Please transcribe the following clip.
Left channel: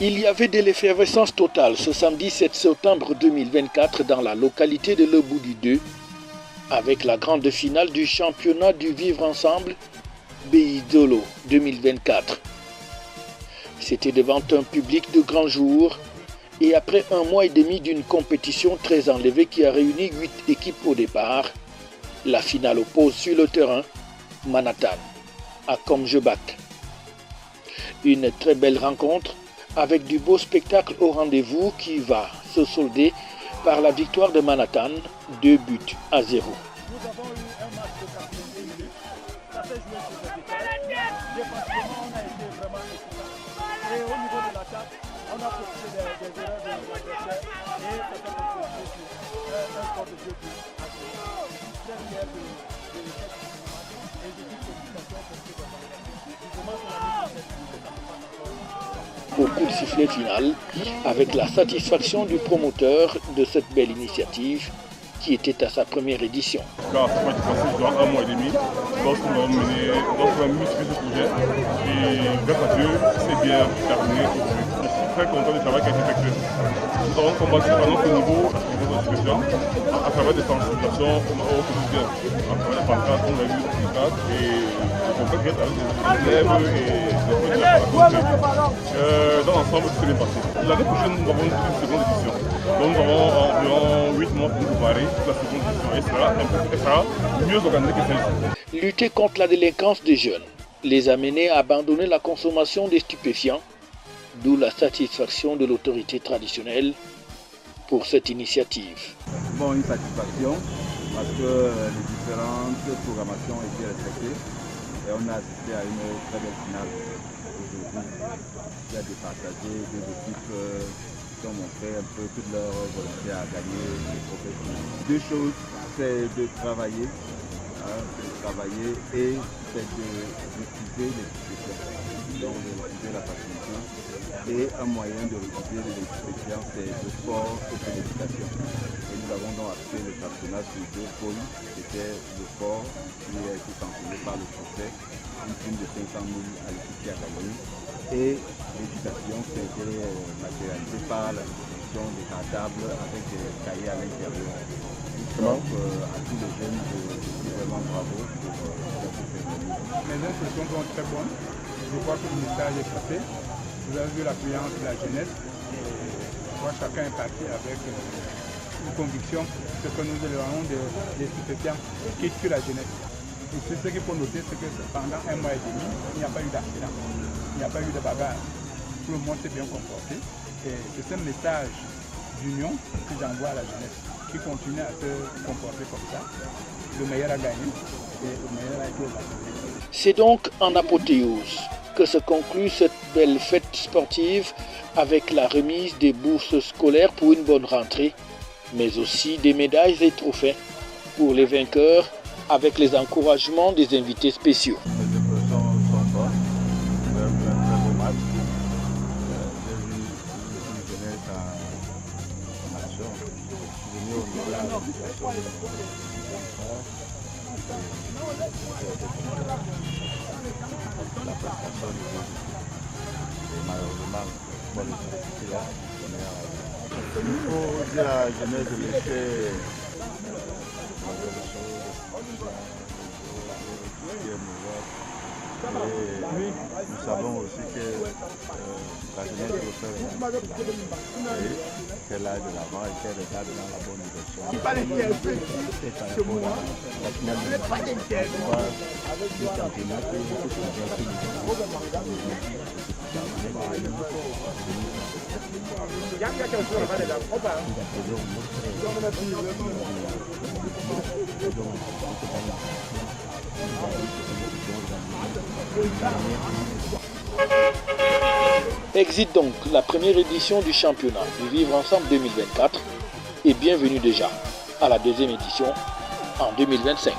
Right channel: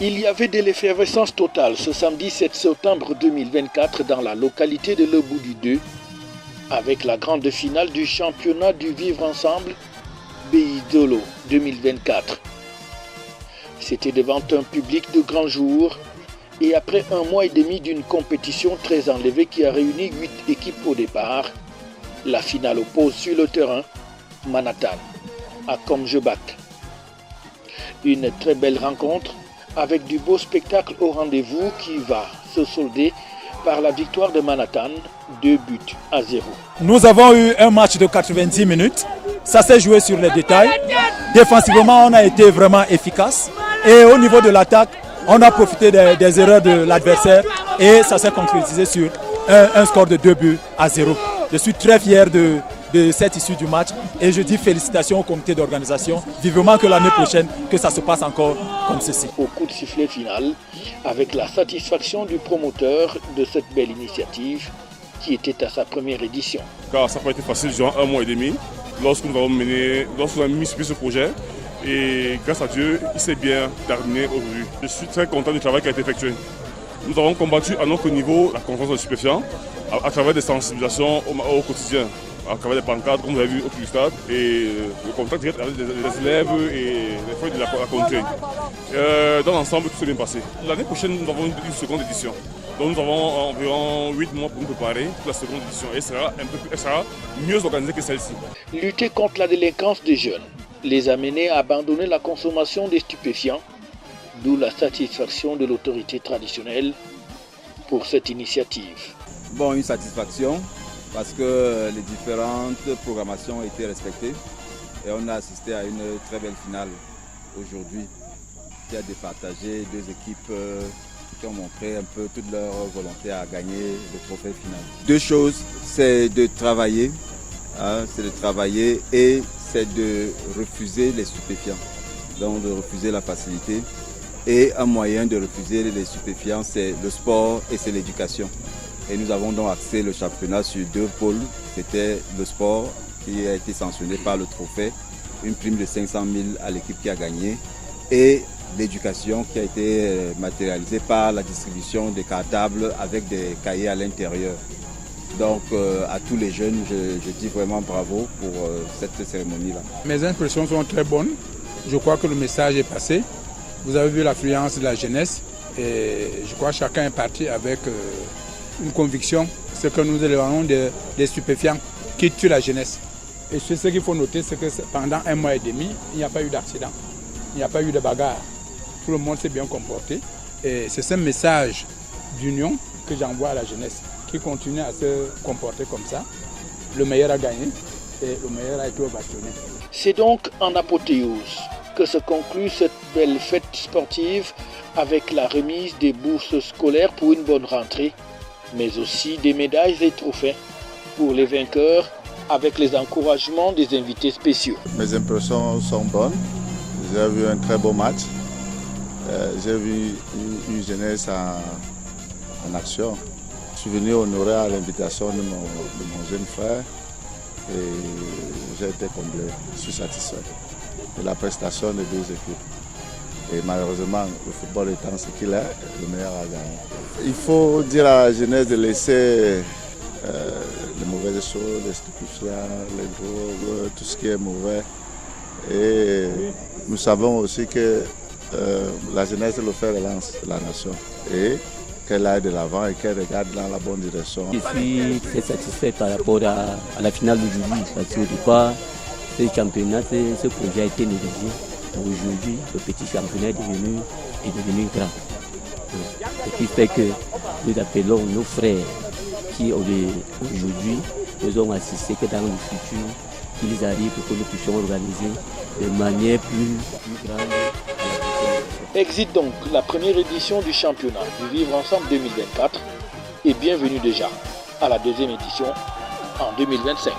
Il y avait de l'effervescence totale ce samedi 7 septembre 2024 dans la localité de Leboudi 2 avec la grande finale du championnat du Vivre Ensemble Beidolo 2024. C'était devant un public de grand jour et après un mois et demi d'une compétition très enlevée qui a réuni 8 équipes au départ, la finale oppose sur le terrain Manhattan à Komjebak. Une très belle rencontre avec du beau spectacle au rendez-vous qui va se solder par la victoire de Manhattan, 2-0. Nous avons eu un match de 90 minutes. Ça s'est joué sur les détails. Défensivement, on a été vraiment efficace. Et au niveau de l'attaque, on a profité des erreurs de l'adversaire et ça s'est concrétisé sur un score de 2-0. Je suis très fier de cette issue du match et je dis félicitations au comité d'organisation. Vivement que l'année prochaine, que ça se passe encore comme ceci. Au coup de sifflet final, avec la satisfaction du promoteur de cette belle initiative qui était à sa première édition. Car ça n'a pas été facile, genre un mois et demi, lorsqu'on a mis sur ce projet. Et grâce à Dieu, c'est bien terminé. Je suis très content du travail qui a été effectué. Nous avons combattu à notre niveau la conférence de stupéfiants à travers des sensibilisations au quotidien, à travers des pancartes qu'on a vues au stade et le contact direct avec les élèves et les feux de la contrée. Dans l'ensemble, tout s'est bien passé. L'année prochaine, nous avons une seconde édition. Donc nous avons environ 8 mois pour préparer la seconde édition et sera mieux organisée que celle-ci. Lutter contre la délinquance des jeunes les a menés à abandonner la consommation des stupéfiants, d'où la satisfaction de l'autorité traditionnelle pour cette initiative. Bon, une satisfaction parce que les différentes programmations ont été respectées et on a assisté à une très belle finale aujourd'hui qui a départagé deux équipes qui ont montré un peu toute leur volonté à gagner le trophée final. Deux choses, c'est de travailler, et c'est de refuser les stupéfiants, donc de refuser la facilité. Et un moyen de refuser les stupéfiants, c'est le sport et c'est l'éducation. Et nous avons donc axé le championnat sur deux pôles. C'était le sport qui a été sanctionné par le trophée, une prime de 500 000 à l'équipe qui a gagné, et l'éducation qui a été matérialisée par la distribution des cartables avec des cahiers à l'intérieur. Donc à tous les jeunes, je dis vraiment bravo pour cette cérémonie-là. Mes impressions sont très bonnes. Je crois que le message est passé. Vous avez vu l'affluence de la jeunesse et je crois que chacun est parti avec une conviction, ce que nous éloignons des stupéfiants qui tuent la jeunesse. Et ce qu'il faut noter, c'est que pendant un mois et demi, il n'y a pas eu d'accident, il n'y a pas eu de bagarre. Tout le monde s'est bien comporté et c'est ce message d'union que j'envoie à la jeunesse qui continue à se comporter comme ça. Le meilleur a gagné et le meilleur a été ovationné. C'est donc en apothéose que se conclut cette belle fête sportive avec la remise des bourses scolaires pour une bonne rentrée, mais aussi des médailles et trophées pour les vainqueurs avec les encouragements des invités spéciaux. Mes impressions sont bonnes. J'ai vu un très beau match. J'ai vu une jeunesse en action. Je suis venu honorer à l'invitation de mon jeune frère et j'ai été content. Je suis satisfait de la prestation des deux équipes. Et malheureusement, le football étant ce qu'il est, le meilleur a gagné. Il faut dire à la jeunesse de laisser les mauvaises choses, les stupéfiants, les drogues, tout ce qui est mauvais. Et nous savons aussi que la jeunesse est le fer de lance de la nation. Et qu'elle aille de l'avant et qu'elle regarde dans la bonne direction. Je suis très satisfait par rapport à la finale du Lili, parce que je crois que ce championnat, ce projet a été négligé. Aujourd'hui, le petit championnat est devenu grand. Ce qui fait que nous appelons nos frères qui aujourd'hui nous ont assisté que dans le futur, ils arrivent pour que nous puissions organiser de manière plus grande. Exit donc la première édition du championnat du Vivre Ensemble 2024 et bienvenue déjà à la deuxième édition en 2025.